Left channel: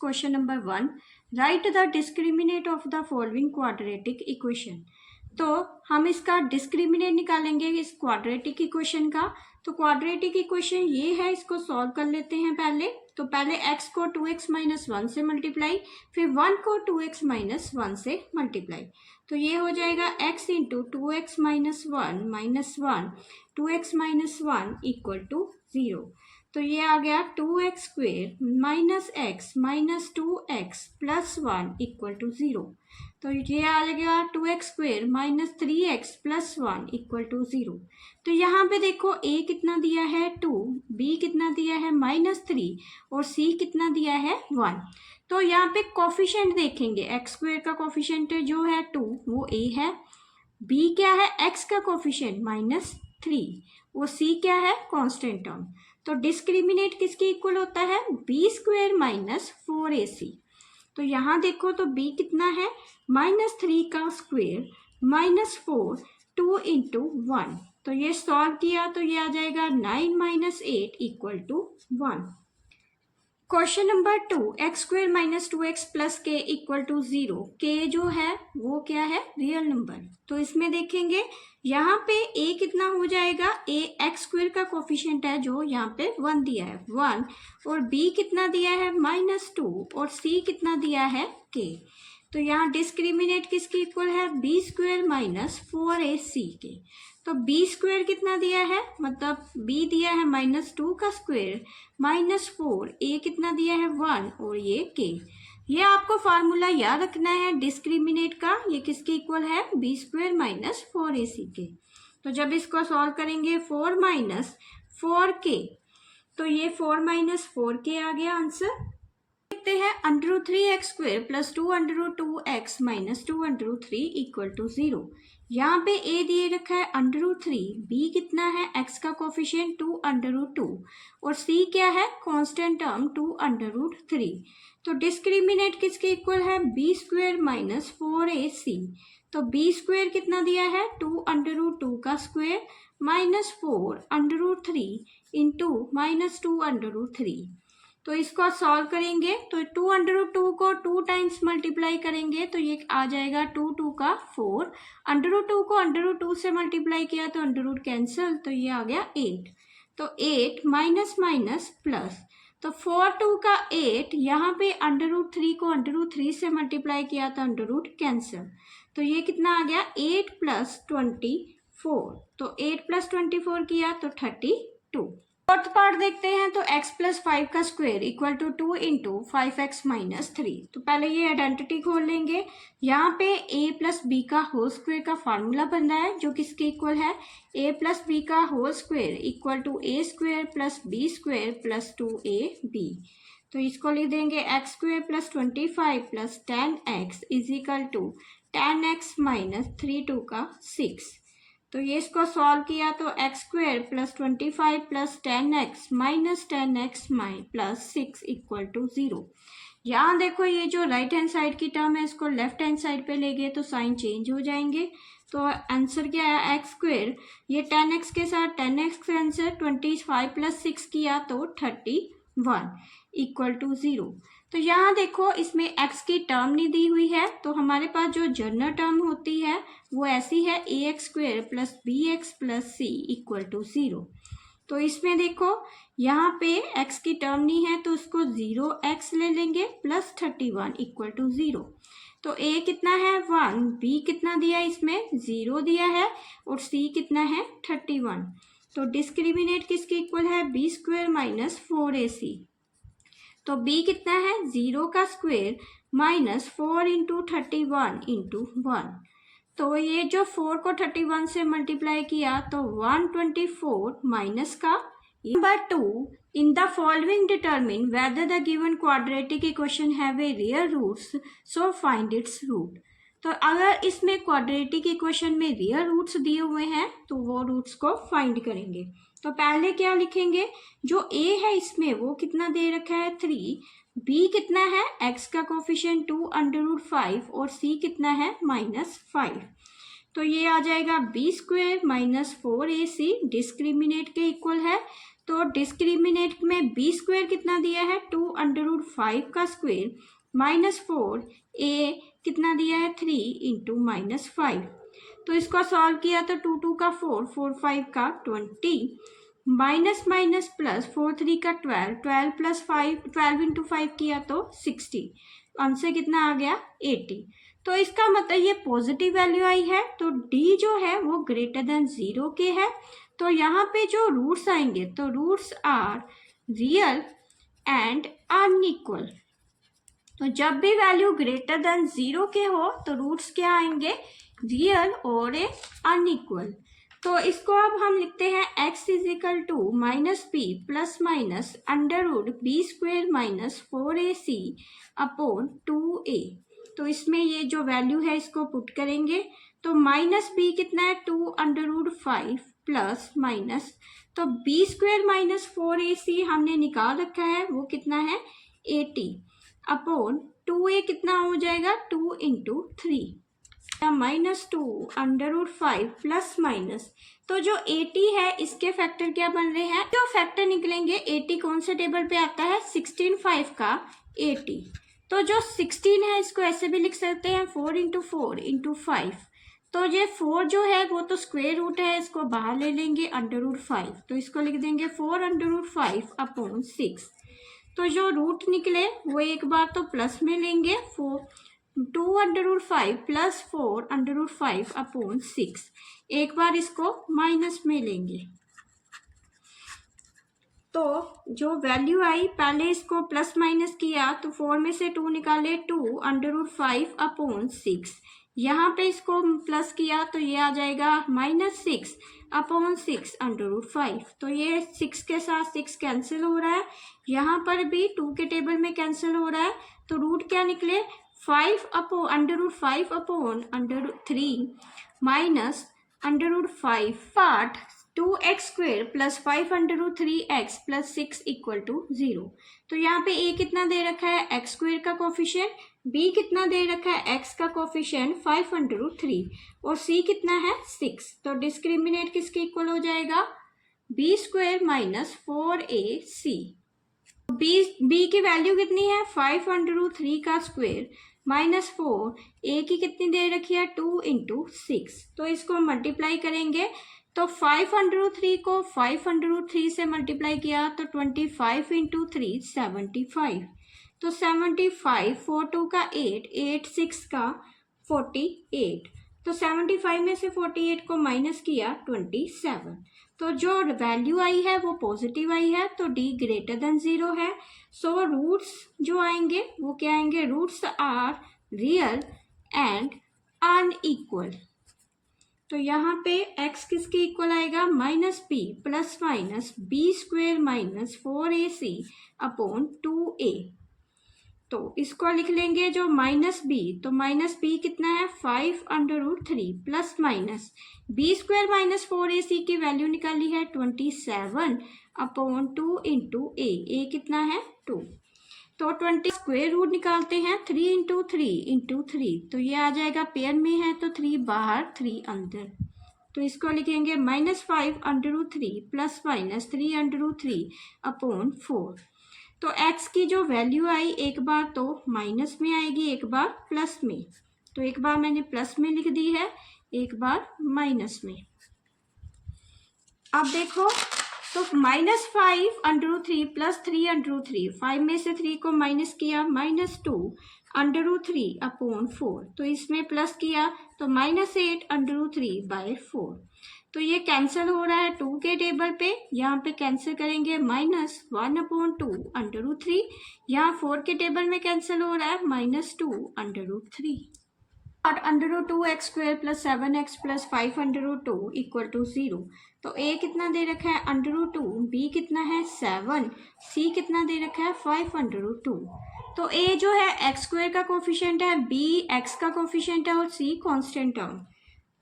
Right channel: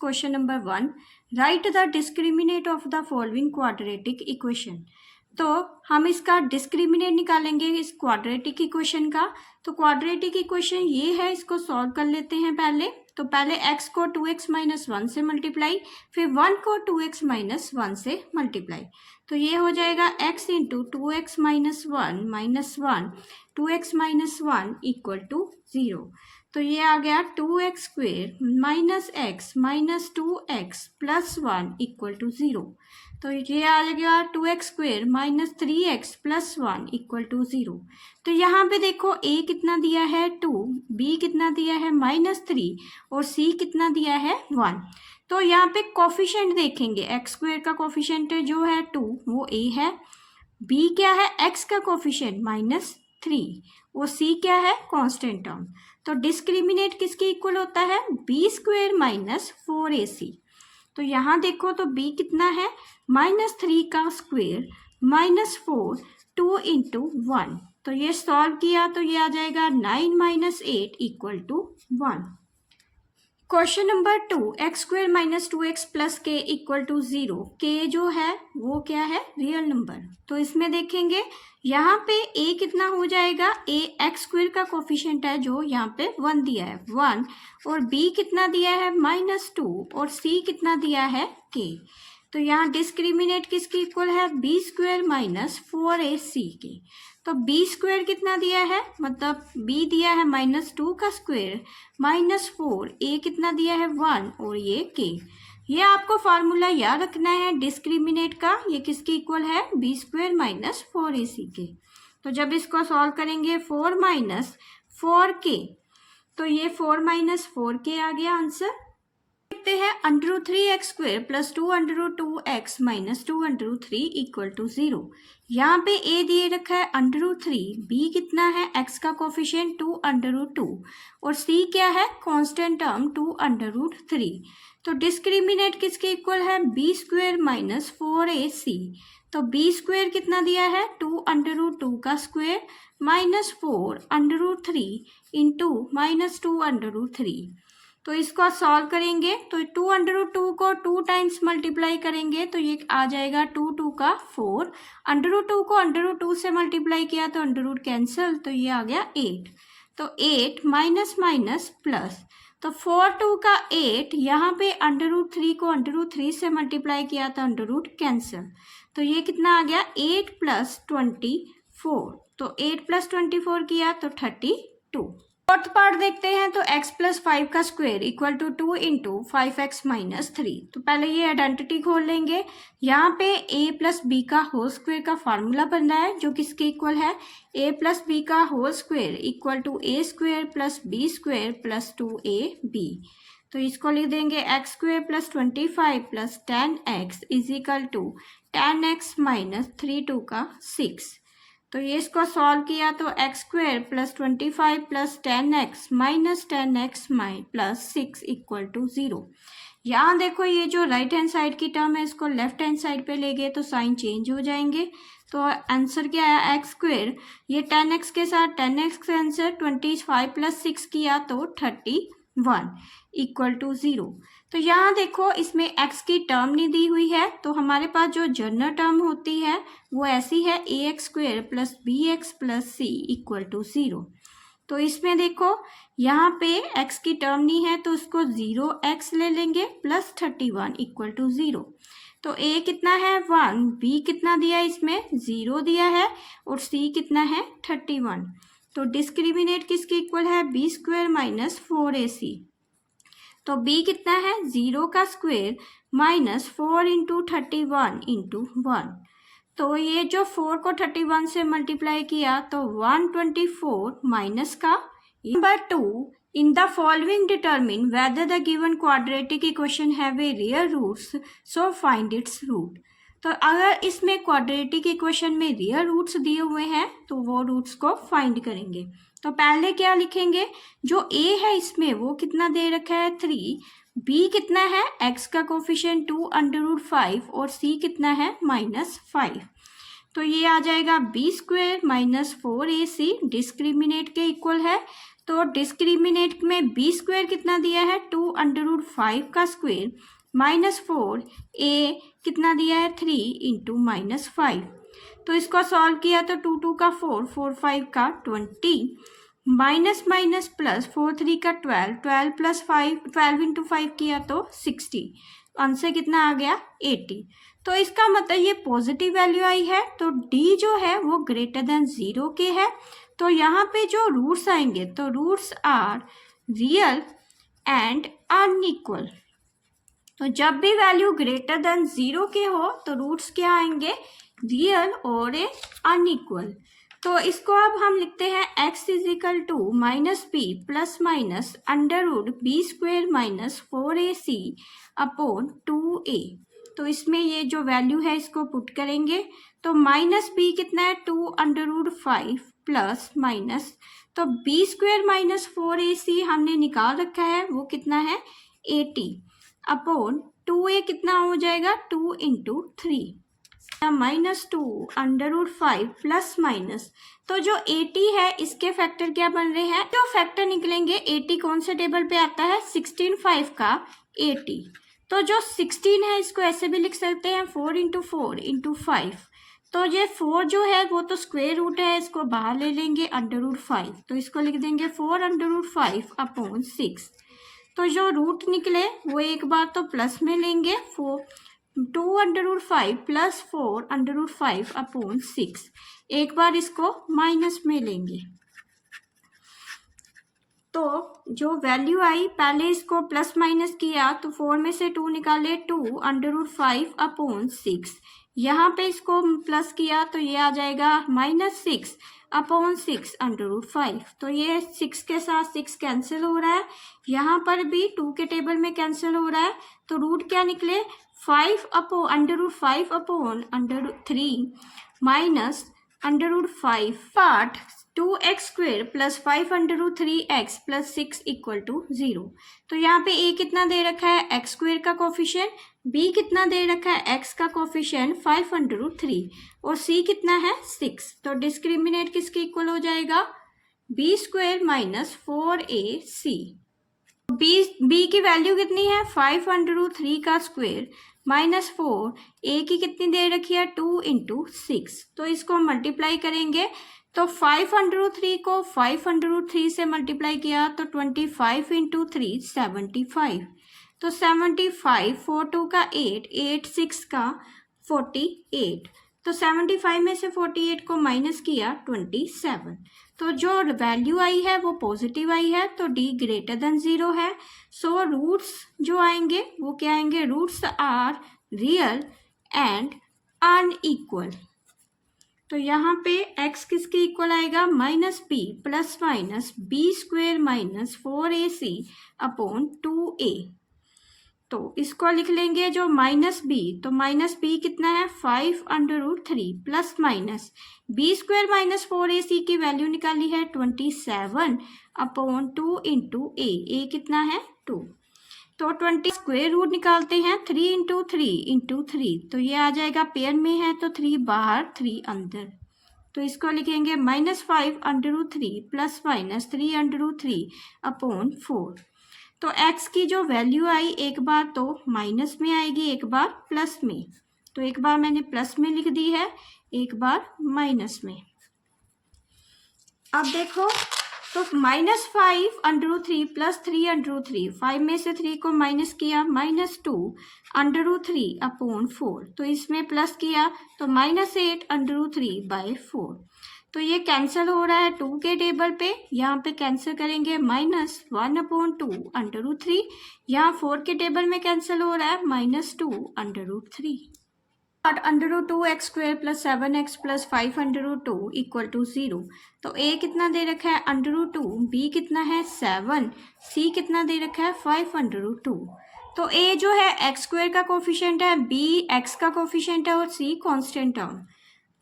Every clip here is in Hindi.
Question number 1, right the discriminate of the following quadratic equation. तो हम इसका डिस्क्रिमिनेट निकालेंगे इस क्वाड्रेटिक इक्वेशन का। तो क्वाड्रेटिक इक्वेशन ये है, इसको सॉल्व कर लेते हैं पहले। तो पहले x को 2x माइनस 1 से मल्टीप्लाई, फिर 1 को 2x माइनस 1 से मल्टीप्लाई। तो ये हो जाएगा x into 2x minus 1 minus 1 2x minus 1 equal to 0। तो ये आ गया 2x square minus x minus 2x plus 1 equal to 0। तो ये आ गया 2x square minus 3x plus 1 equal to 0। तो यहाँ पे देखो a कितना दिया है 2, b कितना दिया है माइनस 3 और c कितना दिया है 1। तो यहाँ पे कोफिशिएंट देखेंगे, x स्क्वेयर का कोफिशिएंट जो है 2 वो a है, b क्या है x का कोफिशिएंट माइनस 3 और c क्या है कांस्टेंट टर्म। तो डिस्क्रिमिनेट किसके इक्वल होता है बी स्क्वेयर माइनस 4ac। तो यहाँ देखो तो b कितना है माइनस 3 का स्क्वेयर माइनस 4 2 इंटू 1। तो ये सॉल्व किया तो ये आ जाएगा 9 minus 8 equal to 1। Question number 2, x square minus 2x plus k equal to 0। K जो है वो क्या है रियल नंबर। तो इसमें देखेंगे यहाँ पे a कितना हो जाएगा, a एक्स स्क्वेयर का कोफिशिएंट है जो यहाँ पे 1 दिया है 1, और b कितना दिया है माइनस 2 और c कितना दिया है k। तो यहाँ डिस्क्रिमिनेट किसके इक्वल है बी स्क्वेयर माइनस 4ac के। तो बी स्क्वेयर कितना दिया है, मतलब b दिया है माइनस 2 का स्क्वेयर माइनस 4, a कितना दिया है 1 और ये k। ये आपको फार्मूला याद रखना है डिस्क्रिमिनेट का, ये किसके इक्वल है बी स्क्वेयर माइनस 4ac के। तो जब इसको सॉल्व करेंगे 4 माइनस 4k, तो ये 4 माइनस 4k आ गया आंसर। देखते हैं √3x square plus 2√2x minus 2√3 equal to 0। यहाँ पे a दिए रखा है √3, b कितना है x का कोफिशिएंट 2√2 और c क्या है कांस्टेंट टर्म 2√3। तो डिस्क्रिमिनेट किसके इक्वल है बी स्क्वेयर माइनस 4ac। तो बी स्क्वेयर कितना दिया है 2√2 का स्क्वेयर माइनस 4√3 इंटू माइनस 2√3। तो इसको सॉल्व करेंगे तो 2√2 को 2 टाइम्स मल्टीप्लाई करेंगे तो ये आ जाएगा 2 2 का 4, √2 को √2 से मल्टीप्लाई किया तो √ कैंसिल, तो ये आ गया 8। तो 8 माइनस माइनस प्लस, तो 4 2 का 8, यहाँ पे √3 को √3 से मल्टीप्लाई किया तो √ कैंसिल, तो ये कितना आ गया 8 प्लस 24। तो 8 प्लस 24 किया तो 32। फोर्थ पार्ट देखते हैं। तो x प्लस 5 का square equal to 2 into 5x minus 3। तो पहले ये आइडेंटिटी खोल लेंगे। यहाँ पे a प्लस बी का होल स्क्वायर का फार्मूला बन रहा है जो किसके इक्वल है a प्लस बी का whole square equal to a square plus b square plus 2ab। तो इसको लिख देंगे x square plus 25 plus 10x is equal to 10x minus 3 2 का 6। तो ये इसको सॉल्व किया तो x square plus 25 plus 10x minus 10x plus 6 equal to 0। यहाँ देखो ये जो राइट हैंड साइड की टर्म है इसको लेफ्ट हैंड साइड पे ले गए तो साइन चेंज हो जाएंगे। तो आंसर क्या है x स्क्वायर, ये 10x के साथ 10x कैंसर 25 प्लस 6 किया तो 31 इक्वल टू 0। तो यहाँ देखो इसमें x की टर्म नहीं दी हुई है, तो हमारे पास जो जनरल टर्म होती है वो ऐसी है ax square plus bx plus c equal to 0। तो इसमें देखो यहाँ पे x की टर्म नहीं है तो उसको 0x ले लेंगे प्लस 31 इक्वल टू 0। तो a कितना है 1, b कितना दिया है इसमें 0 दिया है और c कितना है 31। तो डिस्क्रिमिनेट किसके इक्वल है बी स्क्वेयर माइनस 4ac। तो b कितना है 0 का स्क्वेयर माइनस 4 इंटू 31 इंटू 1। तो ये जो 4 को 31 से मल्टीप्लाई किया तो 124 माइनस का। Number 2, in the following determine whether the given quadratic equation have a real roots so find its root. तो अगर इसमें क्वाड्रेटिक इक्वेशन में रियल रूट्स दिए हुए हैं तो वो रूट्स को फाइंड करेंगे। तो पहले क्या लिखेंगे, जो a है इसमें वो कितना दे रखा है 3, b कितना है x का कोफिशिएंट 2√5 और c कितना है -5। तो ये आ जाएगा b square minus 4ac discriminate के इक्वल है। तो डिस्क्रिमिनेट में बी स्क्वायर कितना दिया है 2√5 का स्क्वायर -4 ए कितना दिया है 3 × -5। तो इसको सॉल्व किया तो 2 2 का 4 4 5 का 20 माइनस माइनस प्लस 4 3 का 12 12 प्लस 5 12 × 5 किया तो 60। आंसर कितना आ गया 80। तो इसका मतलब ये पॉजिटिव वैल्यू आई है, तो डी जो है वो ग्रेटर देन 0 के है। तो यहाँ पे जो रूट्स आएंगे तो roots are real and unequal. तो जब भी वैल्यू ग्रेटर देन 0 के हो तो रूट्स क्या आएंगे रियल और अनइक्वल। तो इसको अब हम लिखते हैं x = -b ± √b² - 4ac upon 2a। तो इसमें ये जो वैल्यू है इसको पुट करेंगे तो -b कितना है 2√5 प्लस माइनस, तो b² - 4ac हमने निकाल रखा है वो कितना है 80 अपॉन 2a कितना हो जाएगा 2 × 3 -2√5 प्लस माइनस। तो जो 80 है इसके फैक्टर क्या बन रहे हैं, तो फैक्टर निकलेंगे 80 कौन से टेबल पे आता है 16 5 का 80। तो जो 16 है इसको ऐसे भी लिख सकते हैं 4 × 4 × 5। तो ये 4 जो है वो तो स्क्वायर रूट है, इसको बाहर ले लेंगे √5, तो इसको लिख देंगे 4√5 अपॉन 6। तो जो रूट निकले वो एक बार तो प्लस में लेंगे 2√5 प्लस 4√5 अपॉन 6, एक बार इसको माइनस में लेंगे। तो जो वैल्यू आई पहले इसको प्लस माइनस किया तो 4 में से 2 निकाले 2√5 अपॉन 6, यहाँ पे इसको प्लस किया तो ये आ जाएगा -6 अपॉन 6√5। तो ये 6 के साथ 6 कैंसिल हो रहा है, यहाँ पर भी 2 के टेबल में कैंसिल हो रहा है। तो रूट क्या निकले 5 upon √5 upon √3 minus √5 part 2x² plus 5√3x plus 6 = 0। तो यहाँ पे a कितना दे रखा है x² का कोफिशिएंट, b कितना दे रखा है x का कोफिशिएंट 5√3 और c कितना है 6। तो डिस्क्रिमिनेट किसके इक्वल हो जाएगा b² - 4ac। b की वैल्यू कितनी है 5√3 का स्क्वायर -4, a की कितनी दे रखी है 2 × 6। तो इसको मल्टीप्लाई करेंगे तो 5√3 को 5√3 से मल्टीप्लाई किया तो 25 × 3 75। तो 75 4 2 का 8 8 6 का 48। तो 75 में से 48 को माइनस किया 27। तो जो वैल्यू आई है वो पॉजिटिव आई है, तो d ग्रेटर देन 0 है। सो रूट्स जो आएंगे वो क्या आएंगे, roots are real and unequal. तो यहाँ पे x किसके इक्वल आएगा -p plus minus b² - 4ac upon 2a। तो इसको लिख लेंगे जो -b, तो -b कितना है 5√3 प्लस माइनस b² - 4ac की वैल्यू निकाली है 27 अपॉन 2 × a कितना है 2। तो 20 स्क्वायर रूट निकालते हैं 3 × 3 × 3, तो ये आ जाएगा पेयर में है तो 3 बाहर 3 अंदर। तो इसको लिखेंगे -5√3 प्लस माइनस 3√3 अपॉन 4। तो x की जो वैल्यू आई एक बार तो माइनस में आएगी एक बार प्लस में, तो एक बार मैंने प्लस में लिख दी है एक बार माइनस में। अब देखो तो -5√3 प्लस 3√3, 5 में से 3 को माइनस किया -2√3 अपॉन 4, तो इसमें प्लस किया तो -8√3/4। तो ये कैंसिल हो रहा है 2 के टेबल पे, यहाँ पे कैंसिल करेंगे -1/2√3, यहाँ 4 के टेबल में कैंसिल हो रहा है -2√3। √2x² plus 7x plus 5√2 = 0। तो a कितना दे रखा है √2, b कितना है 7, c कितना दे रखा है 5√2। तो a जो है x² का कोफिशिएंट है, b x का कोफिशिएंट है और c कांस्टेंट टर्म।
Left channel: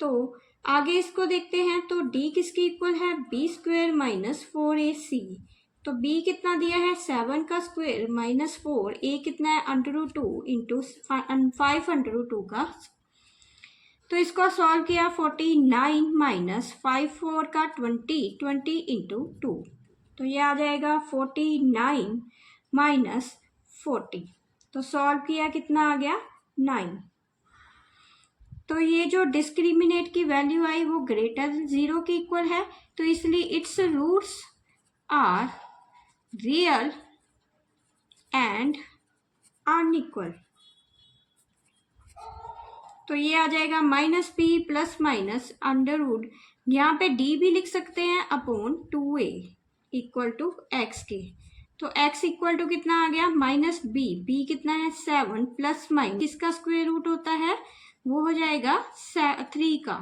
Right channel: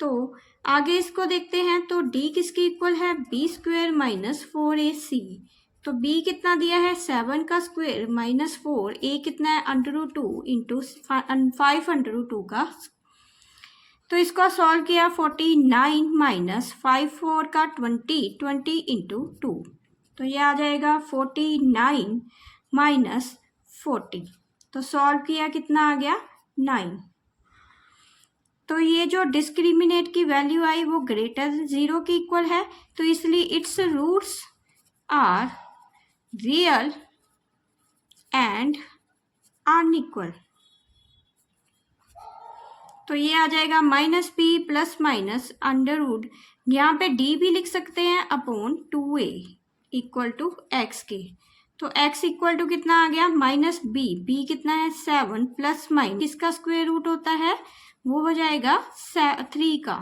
तो आगे इसको देखते हैं तो d किसके इक्वल है b² - 4ac। तो b कितना दिया है 7 का स्क्वायर -4, a कितना है √2 × 5√2 का। तो इसको सॉल्व किया 49 - 5 4 का 20 20 × 2। तो ये आ जाएगा 49 माइनस 40। तो सॉल्व किया कितना आ गया 9। तो ये जो डिस्क्रिमिनेट की वैल्यू आई वो ग्रेटर 0 के इक्वल है, तो इसलिए its roots are real and unequal. तो ये आ जाएगा minus b plus minus under root, यहाँ पे डी भी लिख सकते हैं upon 2a equal to x के। तो x इक्वल टू कितना आ गया माइनस बी कितना है 7 प्लस माइनस किसका स्क्वायर रूट होता है वो हो जाएगा 3 का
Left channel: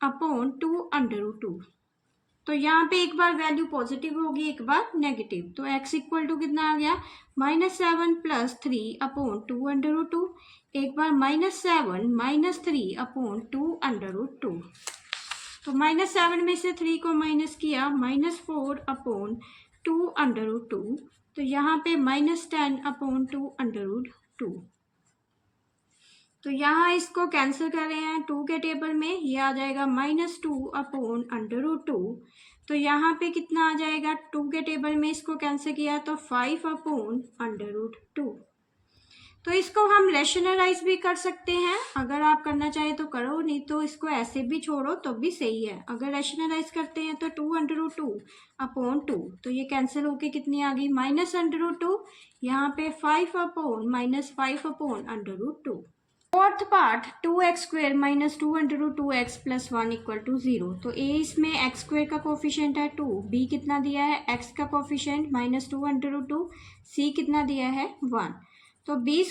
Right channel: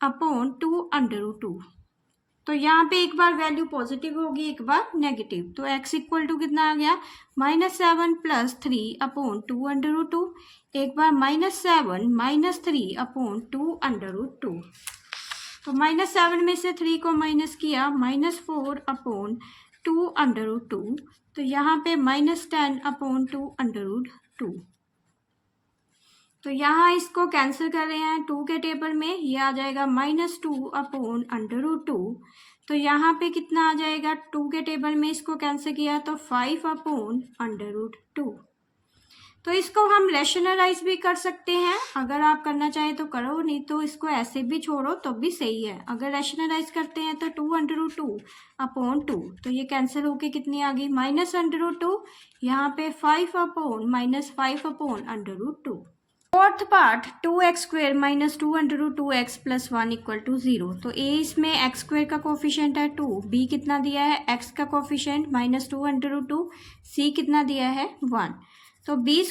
अपॉन 2 अंडर रूट 2। तो यहाँ पे एक बार वैल्यू पॉजिटिव होगी एक बार नेगेटिव, तो x इक्वल टू कितना आ गया -7 + 3 अपॉन 2 अंडर रूट 2, एक बार -7 - 3 अपॉन 2 अंडर रूट 2। तो -7 में से 3 को माइनस किया -4 अपॉन 2 अंडर रूट 2, तो यहाँ पे -10 अपॉन 2 अंडर रूट 2। तो यहाँ इसको कैंसिल कर रहे हैं 2 के टेबल में, ये आ जाएगा -2 अपॉन अंडर रूट 2। तो यहाँ पे कितना आ जाएगा 2 के टेबल में इसको कैंसिल किया तो 5 अपॉन अंडर रूट 2। तो इसको हम रैशनलाइज भी कर सकते हैं, अगर आप करना चाहें तो करो, नहीं तो इसको ऐसे भी छोड़ो तो भी सही है। अगर रैशनलाइज करते हैं तो 2 अंडर रूट 2 अपॉन 2, तो ये कैंसिल होके कितनी आ गई माइनस अंडर रूट 2, यहाँ पे 5 upon -5 upon under root 2। Fourth part 2x² - 2 under root 2x + 1 equal to 0। तो a इसमें x² का कोफिशिएंट है 2, b कितना दिया है x का कोफिशिएंट -2 अंडर रूट 2, c कितना दिया है 1। तो b²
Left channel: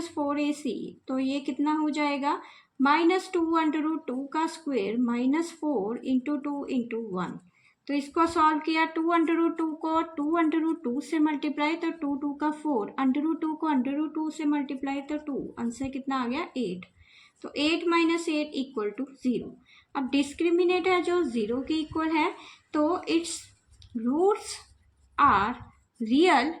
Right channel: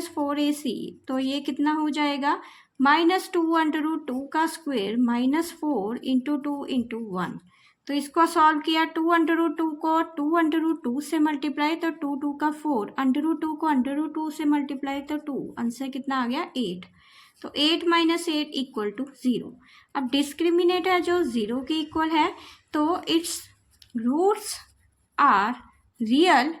- 4ac, तो ये कितना हो जाएगा -2 अंडर रूट 2 का स्क्वायर -4 इंटू 2 इंटू 1। तो इसको सॉल्व किया 2 अंडर रूट 2 को 2 अंडर रूट 2 से मल्टीप्लाई तो 2 2 का 4, अंडर रूट 2 को अंडर रूट 2 से मल्टीप्लाई तो 2, आंसर कितना आ गया 8। तो 8 - 8 इक्वल टू 0। अब डिस्क्रिमिनेट है जो 0 के इक्वल है, तो its roots are real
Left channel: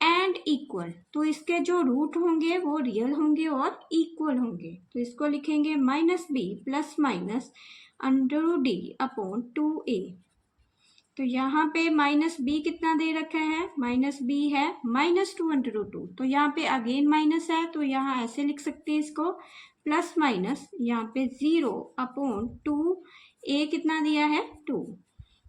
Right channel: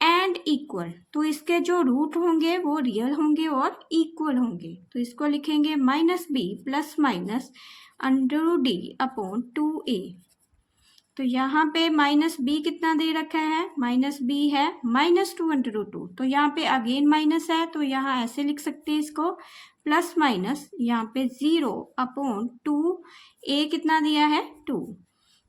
and equal. तो इसके जो रूट होंगे वो रियल होंगे और इक्वल होंगे। तो इसको लिखेंगे -b plus minus under root d upon 2a। तो यहाँ पे -b कितना दे रखा है -b है -2 अंडर रूट 2, तो यहाँ पे अगेन माइनस है, तो यहाँ ऐसे लिख सकते हैं इसको प्लस माइनस यहाँ पे 0 अपॉन 2a कितना दिया है 2।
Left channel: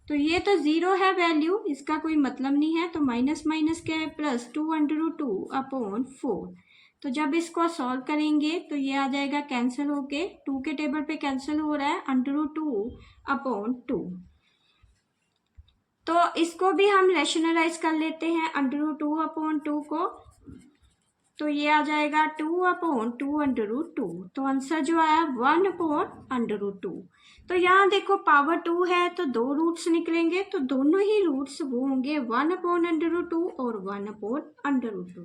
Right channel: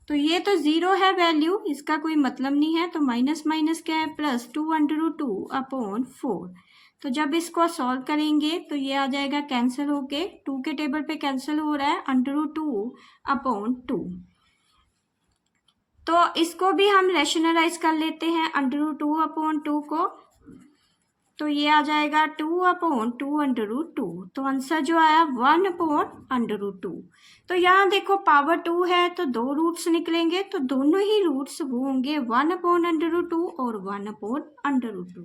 तो ये तो 0 है वैल्यू, इसका कोई मतलब नहीं है, तो माइनस माइनस क्या है +2 अंडर रूट 2 अपॉन 4। तो जब इसको सॉल्व करेंगे तो ये आ जाएगा कैंसिल होके, 2 के टेबल पे कैंसिल हो रहा है अंडर रूट 2 अपॉन 2। तो इसको भी हम रैशनलाइज कर लेते हैं अंडर रूट 2 अपॉन 2 को, तो ये आ जाएगा 2 अपॉन 2 अंडर रूट 2। तो आंसर जो आया 1 अपॉन अंडर रूट 2। तो यहाँ देखो पावर 2 है तो 2 रूट्स निकलेंगे, तो दोनों ही रूट्स वो होंगे 1 अपॉन अंडर रूट 2 और 1 अपॉन अंडर रूट 2।